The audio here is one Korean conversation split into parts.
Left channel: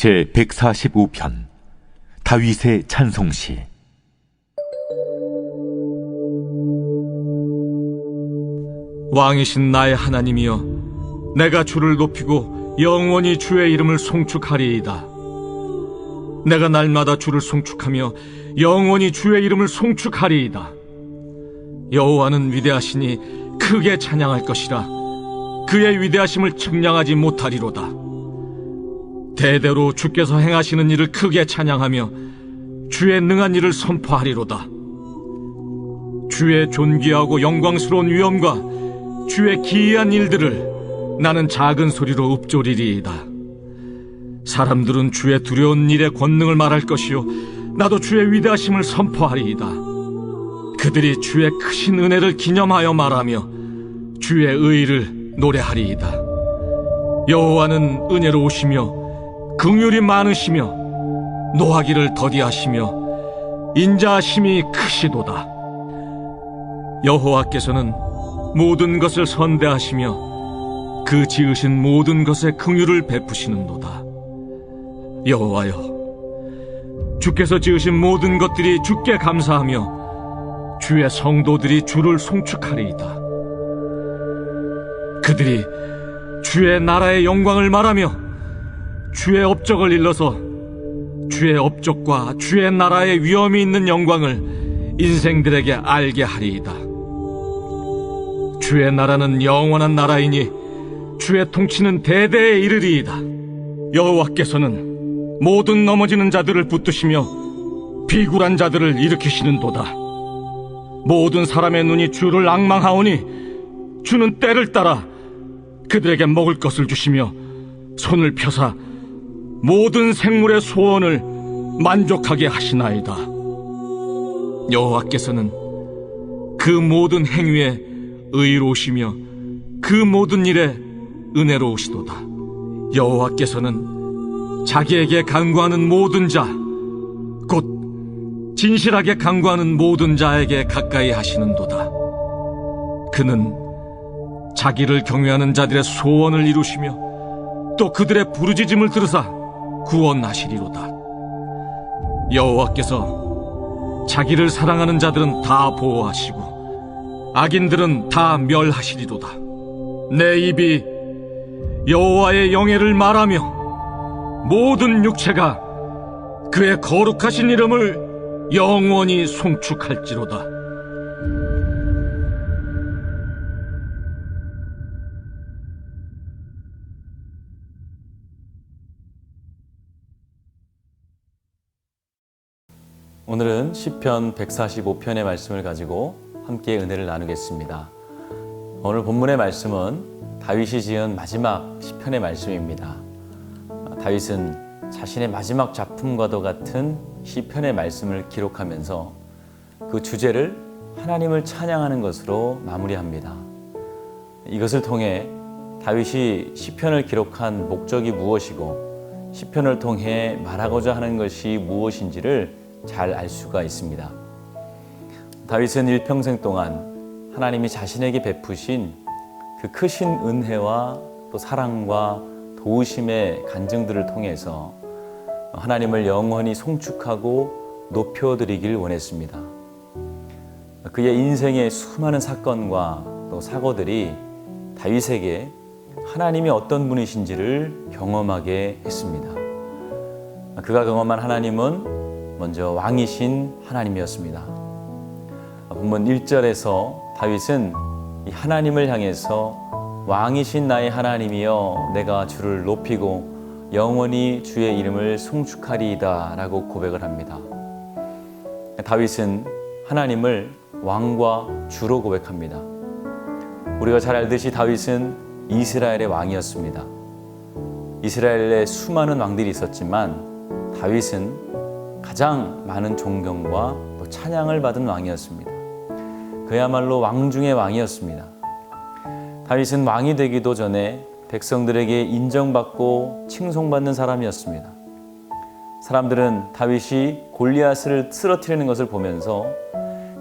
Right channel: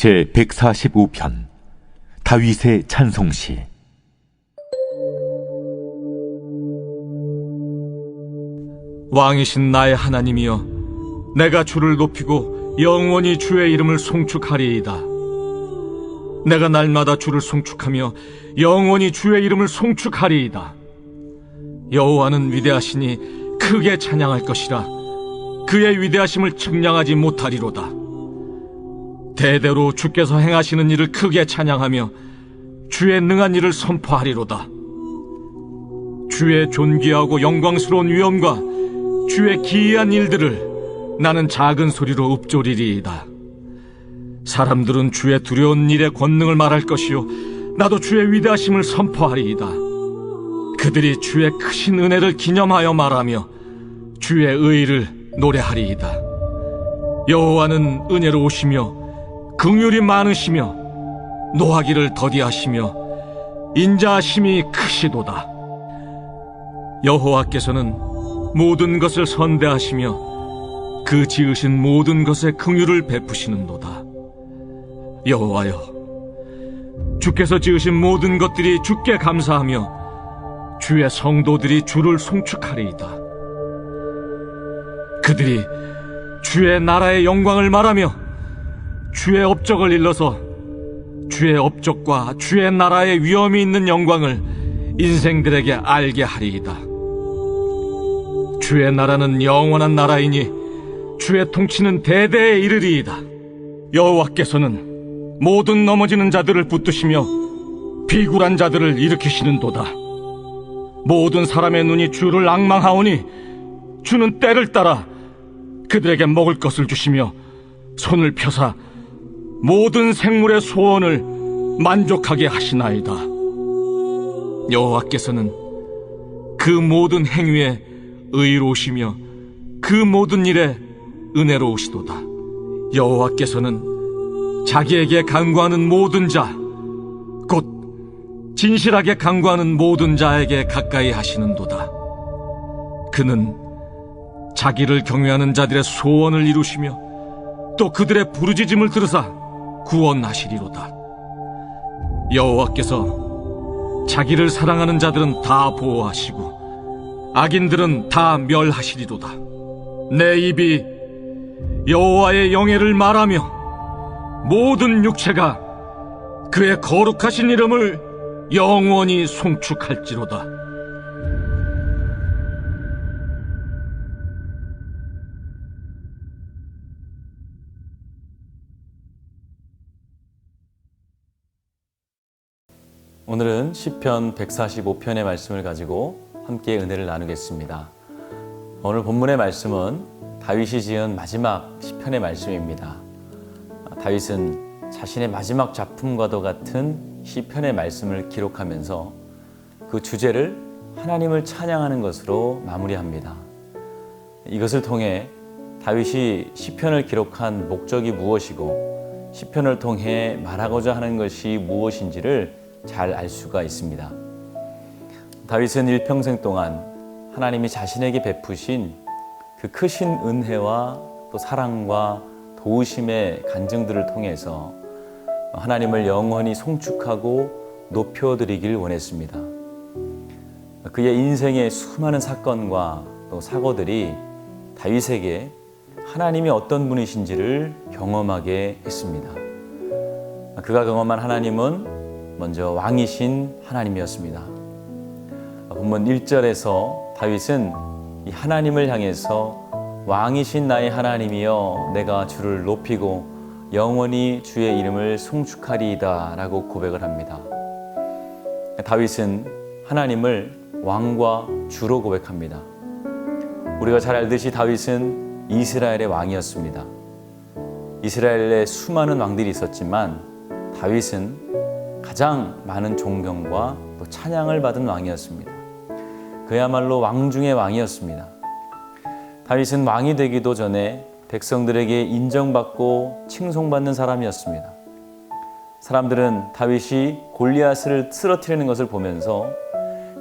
제 145편 다윗의 찬송시. 왕이신 나의 하나님이여, 내가 주를 높이고 영원히 주의 이름을 송축하리이다. 내가 날마다 주를 송축하며 영원히 주의 이름을 송축하리이다. 여호와는 위대하시니 크게 찬양할 것이라. 그의 위대하심을 측량하지 못하리로다. 대대로 주께서 행하시는 일을 크게 찬양하며 주의 능한 일을 선포하리로다. 주의 존귀하고 영광스러운 위엄과 주의 기이한 일들을 나는 작은 소리로 읊조리리이다. 사람들은 주의 두려운 일의 권능을 말할 것이요, 나도 주의 위대하심을 선포하리이다. 그들이 주의 크신 은혜를 기념하여 말하며 주의 의를 노래하리이다. 여호와는 은혜로우시며 긍휼이 많으시며 노하기를 더디하시며 인자하심이 크시도다. 여호와께서는 모든 것을 선대하시며 그 지으신 모든 것에 긍휼을 베푸시는도다. 여호와여, 주께서 지으신 모든 것들이 주께 감사하며 주의 성도들이 주를 송축하리이다. 그들이 주의 나라의 영광을 말하며 주의 업적을 일러서 주의 업적과 주의 나라의 위엄이 있는 영광을 인생들에게 알게 하리이다. 주의 나라는 영원한 나라이니 주의 통치는 대대에 이르리이다. 여호와께서는 모든 넘어지는 자들을 붙드시며 비굴한 자들을 일으키시는도다. 모든 사람의 눈이 주를 앙망하오니 주는 때를 따라 그들에게 먹을 것을 주시며 손을 펴사 모든 생물의 소원을 만족하게 하시나이다. 여호와께서는 그 모든 행위에 의로우시며 그 모든 일에 은혜로우시도다. 여호와께서는 자기에게 간구하는 모든 자, 곧 진실하게 간구하는 모든 자에게 가까이 하시는도다. 그는 자기를 경외하는 자들의 소원을 이루시며 또 그들의 부르짖음을 들으사 구원하시리로다. 여호와께서 자기를 사랑하는 자들은 다 보호하시고 악인들은 다 멸하시리로다. 내 입이 여호와의 영예를 말하며 모든 육체가 그의 거룩하신 이름을 영원히 송축할지로다. 오늘은 시편 145편의 말씀을 가지고 함께 은혜를 나누겠습니다. 오늘 본문의 말씀은 다윗이 지은 마지막 시편의 말씀입니다. 다윗은 자신의 마지막 작품과도 같은 시편의 말씀을 기록하면서 그 주제를 하나님을 찬양하는 것으로 마무리합니다. 이것을 통해 다윗이 시편을 기록한 목적이 무엇이고 시편을 통해 말하고자 하는 것이 무엇인지를 잘 알 수가 있습니다. 다윗은 일평생 동안 하나님이 자신에게 베푸신 그 크신 은혜와 또 사랑과 도우심의 간증들을 통해서 하나님을 영원히 송축하고 높여드리길 원했습니다. 그의 인생의 수많은 사건과 또 사고들이 다윗에게 하나님이 어떤 분이신지를 경험하게 했습니다. 그가 경험한 하나님은 먼저 왕이신 하나님이었습니다. 본문 1절에서 다윗은 이 하나님을 향해서 왕이신 나의 하나님이여 내가 주를 높이고 영원히 주의 이름을 송축하리이다 라고 고백을 합니다. 다윗은 하나님을 왕과 주로 고백합니다. 우리가 잘 알듯이 다윗은 이스라엘의 왕이었습니다. 이스라엘에 수많은 왕들이 있었지만 다윗은 가장 많은 존경과 또 찬양을 받은 왕이었습니다. 그야말로 왕 중의 왕이었습니다. 다윗은 왕이 되기도 전에 백성들에게 인정받고 칭송받는 사람이었습니다. 사람들은 다윗이 골리앗을 쓰러뜨리는 것을 보면서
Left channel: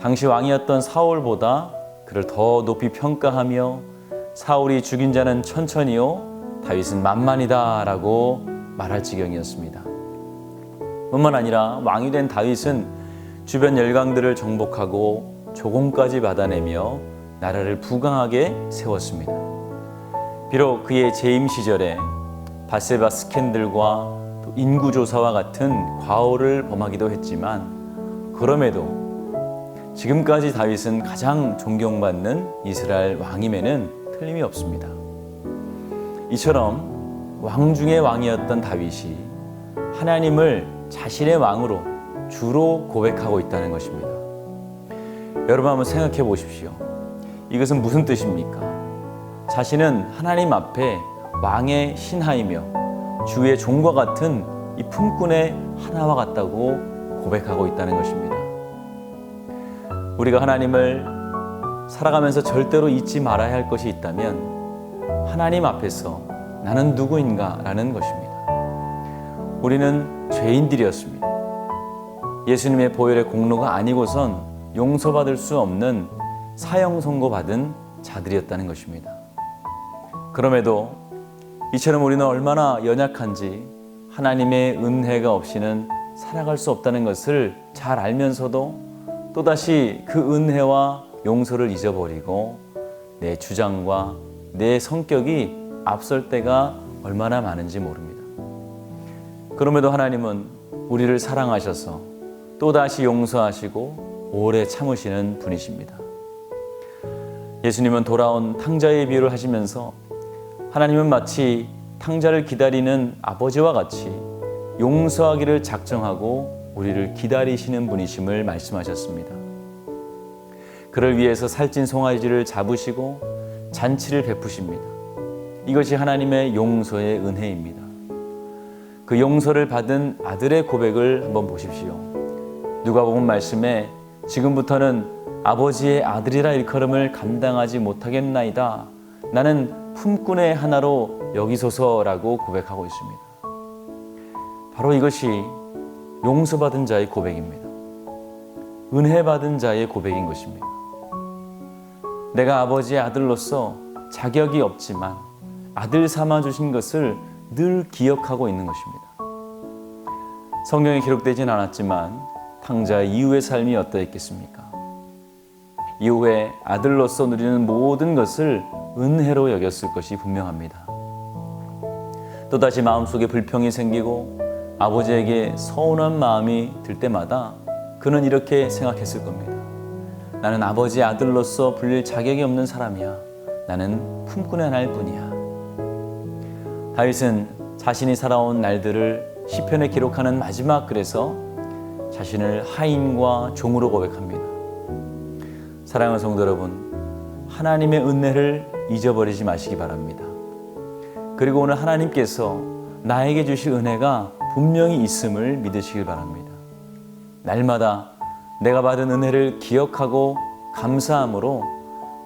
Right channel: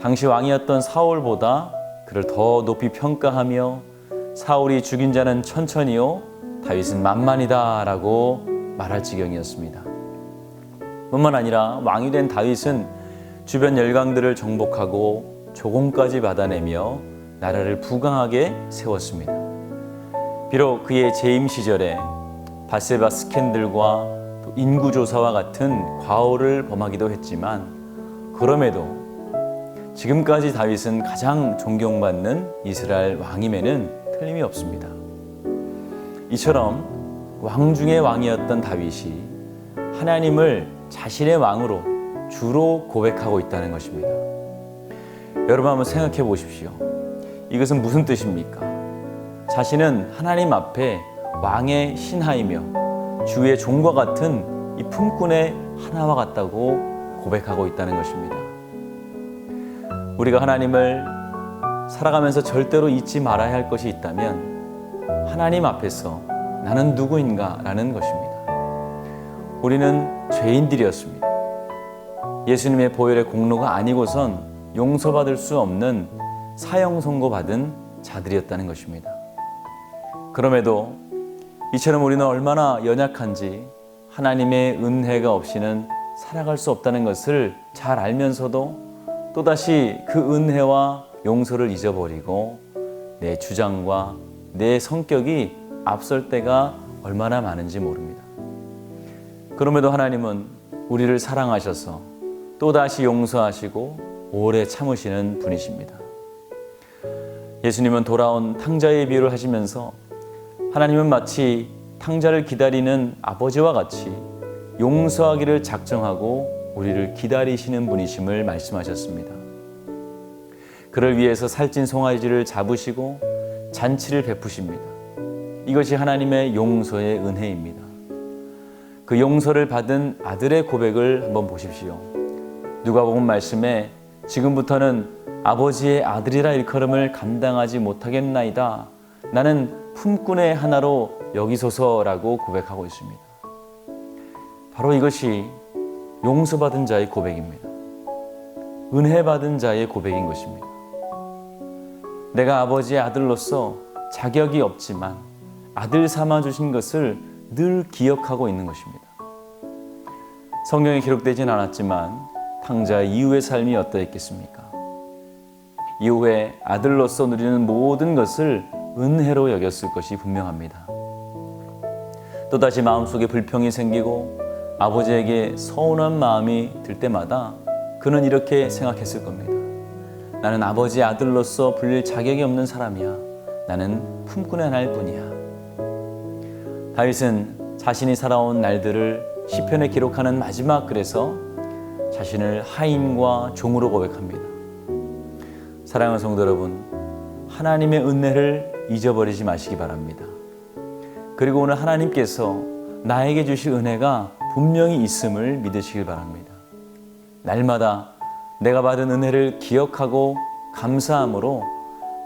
당시 왕이었던 사울보다 그를 더 높이 평가하며 사울이 죽인 자는 천천히요 다윗은 만만이다 라고 말할 지경이었습니다. 뿐만 아니라 왕이 된 다윗은 주변 열강들을 정복하고 조공까지 받아내며 나라를 부강하게 세웠습니다. 비록 그의 재임 시절에 밧세바 스캔들과 또 인구조사와 같은 과오를 범하기도 했지만, 그럼에도 지금까지 다윗은 가장 존경받는 이스라엘 왕임에는 틀림이 없습니다. 이처럼 왕 중의 왕이었던 다윗이 하나님을 자신의 왕으로 주로 고백하고 있다는 것입니다. 여러분 한번 생각해 보십시오. 이것은 무슨 뜻입니까? 자신은 하나님 앞에 왕의 신하이며 주의 종과 같은 이 품꾼의 하나와 같다고 고백하고 있다는 것입니다. 우리가 하나님을 살아가면서 절대로 잊지 말아야 할 것이 있다면 하나님 앞에서 나는 누구인가 라는 것입니다. 우리는 죄인들이었습니다. 예수님의 보혈의 공로가 아니고선 용서받을 수 없는 사형 선고받은 자들이었다는 것입니다. 그럼에도 이처럼 우리는 얼마나 연약한지 하나님의 은혜가 없이는 살아갈 수 없다는 것을 잘 알면서도 또다시 그 은혜와 용서를 잊어버리고 내 주장과 내 성격이 앞설 때가 얼마나 많은지 모릅니다. 그럼에도 하나님은 우리를 사랑하셔서 또다시 용서하시고 오래 참으시는 분이십니다. 예수님은 돌아온 탕자의 비유를 하시면서 하나님은 마치 탕자를 기다리는 아버지와 같이 용서하기를 작정하고 우리를 기다리시는 분이심을 말씀하셨습니다. 그를 위해서 살찐 송아지를 잡으시고 잔치를 베푸십니다. 이것이 하나님의 용서의 은혜입니다. 그 용서를 받은 아들의 고백을 한번 보십시오. 누가복음 말씀에 지금부터는 아버지의 아들이라 일컬음을 감당하지 못하겠나이다. 나는 품꾼의 하나로 여기소서라고 고백하고 있습니다. 바로 이것이 용서받은 자의 고백입니다. 은혜받은 자의 고백인 것입니다. 내가 아버지의 아들로서 자격이 없지만 아들 삼아주신 것을 늘 기억하고 있는 것입니다. 성경에 기록되진 않았지만 탕자 이후의 삶이 어떠했겠습니까? 이후에 아들로서 누리는 모든 것을 은혜로 여겼을 것이 분명합니다. 또다시 마음속에 불평이 생기고 아버지에게 서운한 마음이 들 때마다 그는 이렇게 생각했을 겁니다. 나는 아버지의 아들로서 불릴 자격이 없는 사람이야. 나는 품꾼의 하나일 뿐이야. 다윗은 자신이 살아온 날들을 시편에 기록하는 마지막 글에서 자신을 하인과 종으로 고백합니다. 사랑하는 성도 여러분, 하나님의 은혜를 잊어버리지 마시기 바랍니다. 그리고 오늘 하나님께서 나에게 주실 은혜가 분명히 있음을 믿으시길 바랍니다. 날마다 내가 받은 은혜를 기억하고 감사함으로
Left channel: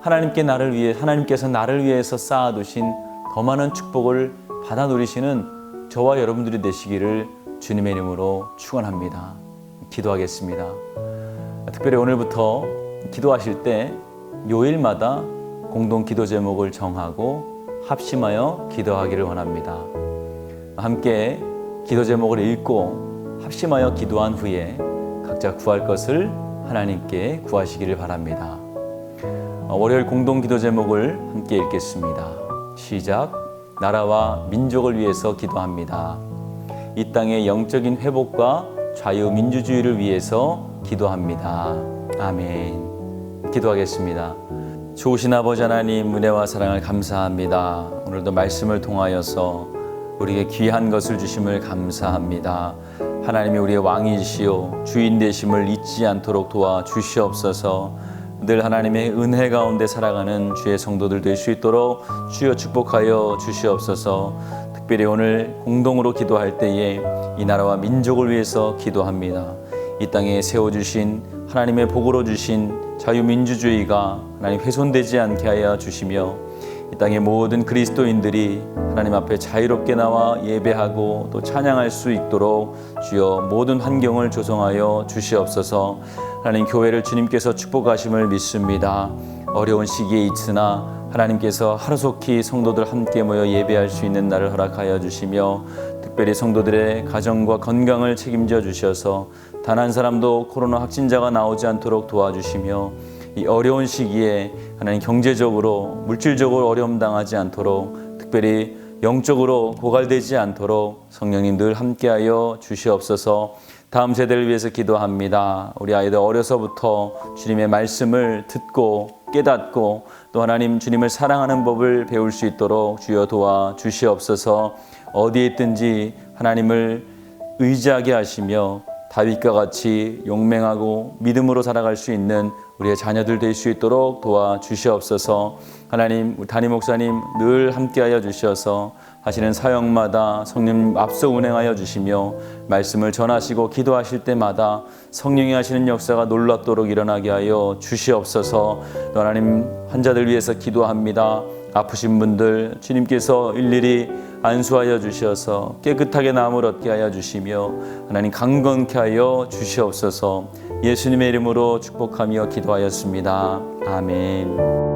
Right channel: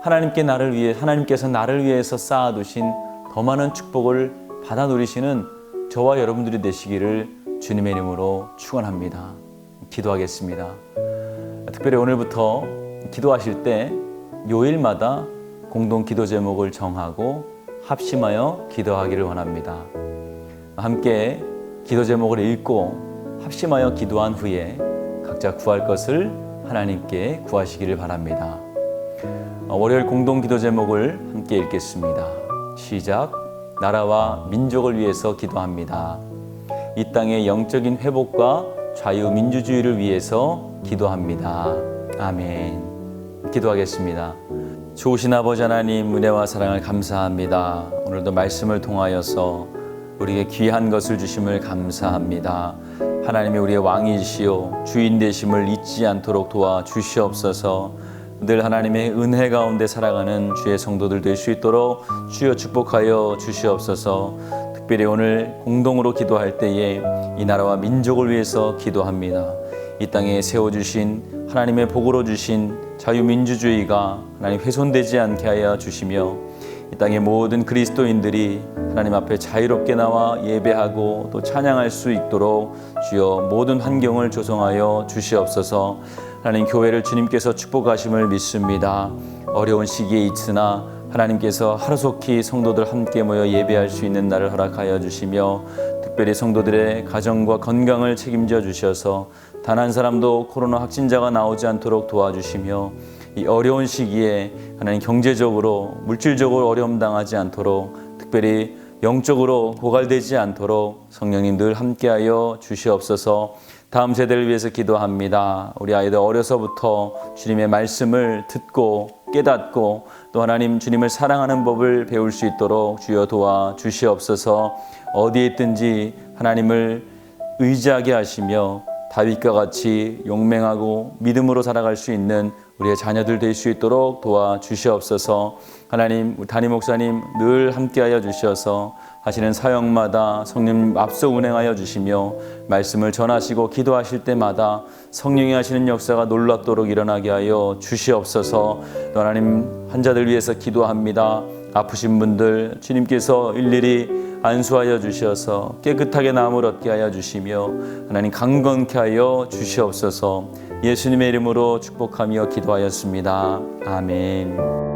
하나님께서 나를 위해서 쌓아두신 더 많은 축복을 받아 누리시는 저와 여러분들이 되시기를 주님의 이름으로 축원합니다. 기도하겠습니다. 특별히 오늘부터 기도하실 때 요일마다 공동 기도 제목을 정하고 합심하여 기도하기를 원합니다. 함께 기도 제목을 읽고 합심하여 기도한 후에 각자 구할 것을 하나님께 구하시기를 바랍니다. 월요일 공동 기도 제목을 함께 읽겠습니다. 시작. 나라와 민족을 위해서 기도합니다. 이 땅의 영적인 회복과 자유민주주의를 위해서 기도합니다. 아멘. 기도하겠습니다. 좋으신 아버지 하나님, 은혜와 사랑을 감사합니다. 오늘도 말씀을 통하여서 우리에게 귀한 것을 주심을 감사합니다. 하나님이 우리의 왕이시오 주인 되심을 잊지 않도록 도와주시옵소서. 늘 하나님의 은혜 가운데 살아가는 주의 성도들 될 수 있도록 주여 축복하여 주시옵소서. 특별히 오늘 공동으로 기도할 때에 이 나라와 민족을 위해서 기도합니다. 이 땅에 세워주신 하나님의 복으로 주신 자유민주주의가 하나님 훼손되지 않게 하여 주시며 이 땅의 모든 그리스도인들이 하나님 앞에 자유롭게 나와 예배하고 또 찬양할 수 있도록 주여 모든 환경을 조성하여 주시옵소서. 하나님 교회를 주님께서 축복하심을 믿습니다. 어려운 시기에 있으나 하나님께서 하루속히 성도들 함께 모여 예배할 수 있는 날을 허락하여 주시며 특별히 성도들의 가정과 건강을 책임져 주셔서 단 한 사람도 코로나 확진자가 나오지 않도록 도와주시며 이 어려운 시기에 하나님 경제적으로 물질적으로 어려움 당하지 않도록 특별히 영적으로 고갈되지 않도록 성령님 늘 함께하여 주시옵소서. 다음 세대를 위해서 기도합니다. 우리 아이들 어려서부터 주님의 말씀을 듣고 깨닫고 또 하나님 주님을 사랑하는 법을 배울 수 있도록 주여 도와 주시옵소서. 어디에 있든지 하나님을 의지하게 하시며 다윗과 같이 용맹하고 믿음으로 살아갈 수 있는 우리의 자녀들 될 수 있도록 도와 주시옵소서. 하나님, 우리 담임 목사님 늘 함께하여 주셔서 하시는 사역마다 성령 앞서 운행하여 주시며 말씀을 전하시고 기도하실 때마다 성령이 하시는 역사가 놀랍도록 일어나게 하여 주시옵소서. 또 하나님, 환자들 위해서 기도합니다. 아프신 분들 주님께서 일일이 안수하여 주셔서 깨끗하게 나음을 얻게 하여 주시며 하나님 강건케 하여 주시옵소서. 예수님의 이름으로 축복하며 기도하였습니다. 아멘.